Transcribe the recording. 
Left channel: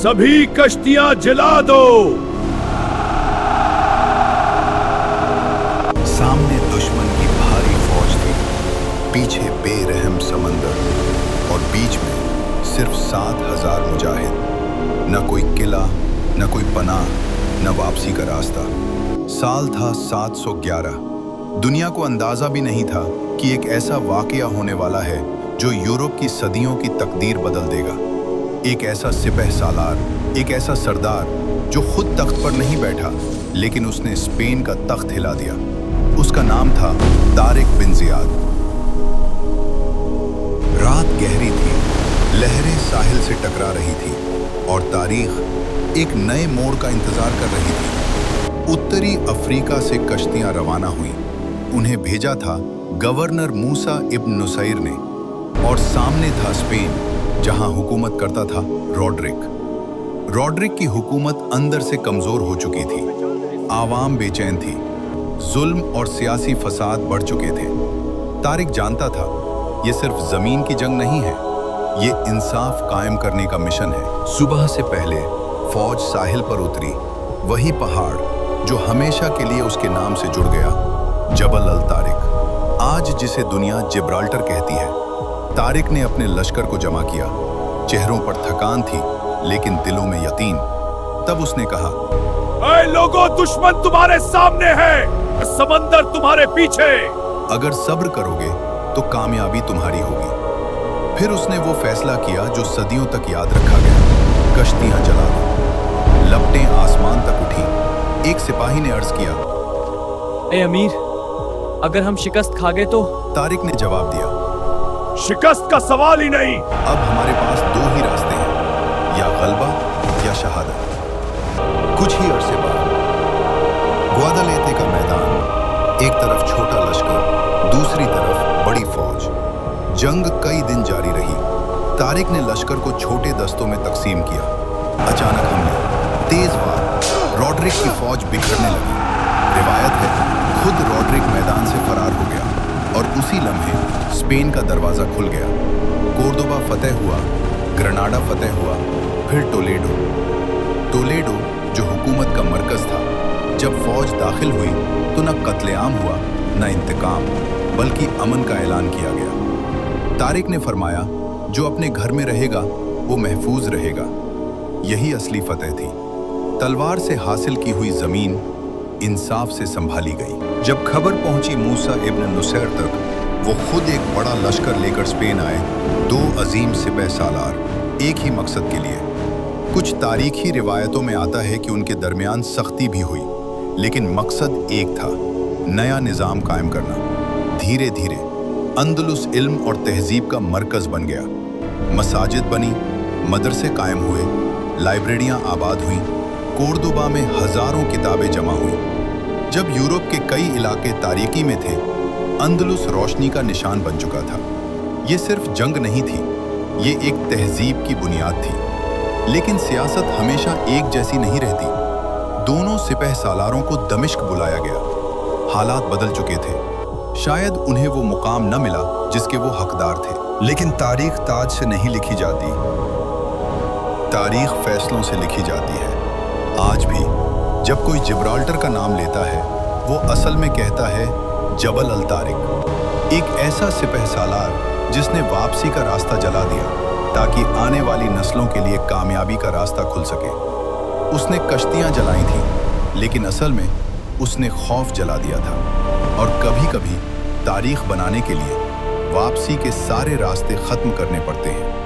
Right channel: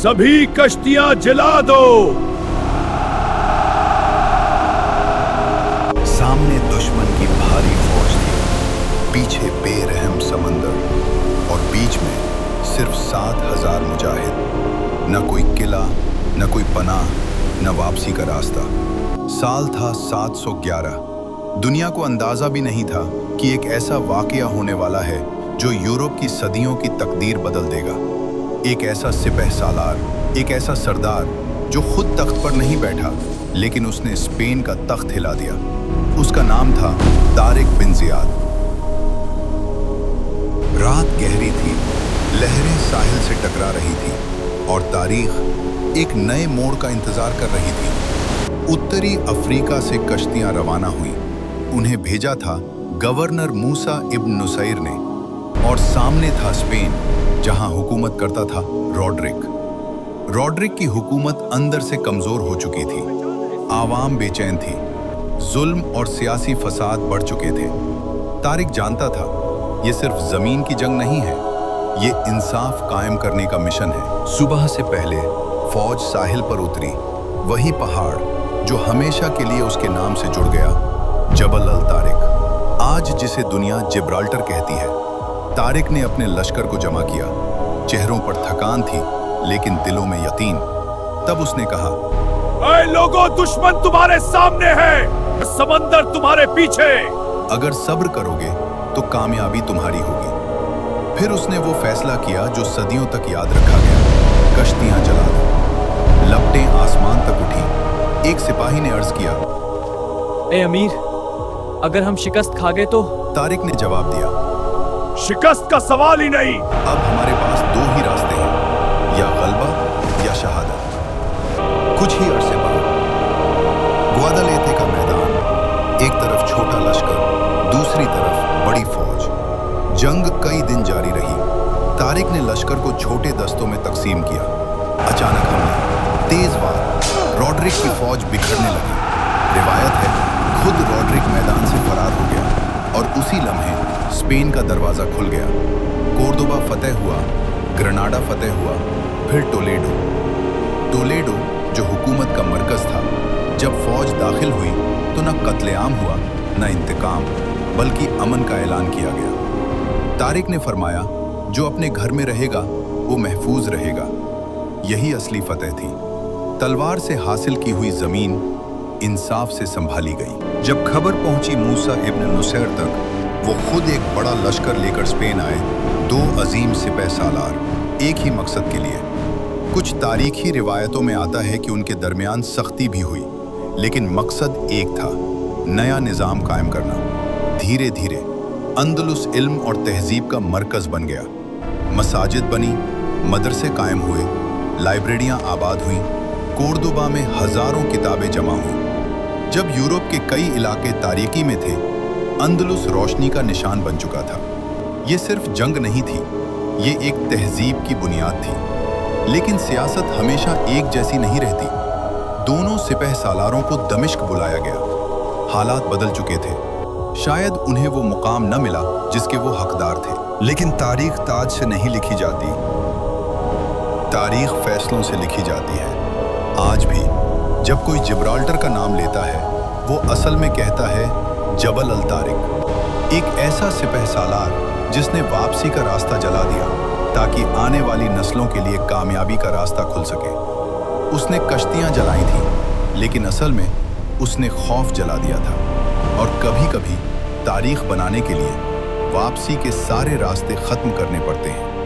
सभी कश्तियां जला दो। सामने दुश्मन की भारी फौज थी, पीछे बेरहम समंदर और बीच में सिर्फ 7,000 मुजाहिद। न कोई किला, न कोई पनाह, न वापसी का रास्ता। साल था 711। दुनिया को अंदाजा भी नहीं था कि एक ऐसा वाकया होने वाला है जो यूरोप की सदियों की तकदीर बदल देगा। एक ऐसा सिपह सालार, एक ऐसा सरदार जो खुद तख्त पर नहीं बैठा, लेकिन उसने स्पेन का तख्त हिला दिया। उसका नाम था तारिक बिन जियाद। रात गहरी थी, लहरें साहिल से टकरा रही थी और तारीख एक नए मोड़ का इंतजार कर रही थी। उत्तरी अफ्रीका से कश्तियां रवाना हुईं। उन्हें भेजा था गवर्नर मूसा इब्न नुसैर ने, और सामने था स्पेन, जहां हुकूमत करता था रॉड्रिक। रॉड्रिक की हुकूमत अंदर से कमजोर हो चुकी थी। आवाम बेचैन थी, जुल्म और सियासी फसाद बढ़ चुके थे। तारिक जानता था ये सिर्फ जमीन की जंग नहीं है, ये इंसाफ कायम करने का मिशन है। सुबह से पहले फौज साहिल पर उतरी, वही पहाड़ जो हमेशा के लिए उसके नाम से जुड़ गया, जबल अल तारिक, आज जिसे दुनिया जिब्राल्टर कहती है। तारिक ने अपने लश्कर को जमा किया। चेहरों पर थकान थी, लेकिन दिलों में यकीन। तब उसने कहा, ऐ लोगों, दुश्मन तुम्हारे सामने है, समंदर तुम्हारे पीछे। अगर सब्र करोगे तो कामयाबी तुम्हारी होगी। फिर उसने वो फैसला किया जो सदियों तक याद रखा गया, कश्तियां जला दो। लपटें आसमान तक उठी। एक सिपाही ने अर्ज किया, ए अमीर, अगर हम शिकस्त खा गए तो? तारिक ने जवाब दिया, शिकस्त का सवाल ही नहीं। अब हमारे पास दो ही रास्ते हैं, या गलबा या शहादत। कुछ ही अरसे बाद ग्वादालेते का मैदान, एक तरफ छोटा लश्कर, दूसरी तरफ बड़ी फौज। जंग कई दिन जारी रही। तारिक ने लश्कर को छोटे दस्तों में तकसीम किया। अचानक हमले, तेज वार, रॉड्रिक की फौज बिखरने लगी। रिवायत है खुद रॉड्रिक मैदान से फरार हो गया और उसी लम्हे स्पेन का दरवाजा खुल गया। कोर्दोबा फतेह हुआ, ग्रेनाडा फतेह हुआ, फिर टोलेडो। टोलेडो जो हुकूमत का मरकज था। जब फौज दाखिल हुई तो न कत्लेआम हुआ, न इंतकाम, बल्कि अमन का ऐलान किया गया। तारिक ने फरमाया, जो अपने घर में रहेगा वो महफूज रहेगा। यही असली फतेह थी। तलवार से हासिल की हुई जमीन इंसाफ से संभाली गई। जब खबर पहुंची मूसा इब्न नुसैर तक, वो खुद एक बड़ा लश्कर लेकर स्पेन आए, दो अजीम सिपह सालार, एक ही मकसद के लिए। कुछ तारीखी रिवायतों में आता है कि उनके दरमियान सख्ती भी हुई, लेकिन मकसद एक था, नया निज़ाम कायम करना। धीरे धीरे अंदलुस इल्म और तहजीब का मरकज बन गया। मसाजिद बनी, मदरसे कायम हुए, लाइब्रेरियां आबाद हुईं, कोर्दोबा में हजारों किताबें जमा हुईं। जब यूरोप के कई इलाके तारीकी में थे, अंदलुस रोशनी का निशान बन चुका था। ये सिर्फ जंग नहीं थी, ये एक तहजीब की बुनियाद थी। लेकिन सियासत हमेशा एक जैसी नहीं रहती। दोनों सिपह सालारों को दमिश्क बुलाया गया। हालात बदल चुके थे। शायद उन्हें वो मुकाम न मिला जिसके वो हकदार थे। लेकिन तारीख ताज से नहीं लिखी जाती, तारीख फैसलों से लिखी जाती है। आज भी जब कोई जिब्राल्टर का नाम लेता है, वो असल में कहता है जबल अल तारिक। एक ऐसा सिपह सालार जिसने वापसी का रास्ता जला दिया ताकि आने वाली नस्लों के लिए कामयाबी का रास्ता खुल सके। उसने कश्तियां जलाई थीं, लेकिन असल में उसने खौफ जला दिया था। और कभी-कभी तारीख बनाने के लिए वापसी के सारे रास्ते खत्म करने पड़ते हैं।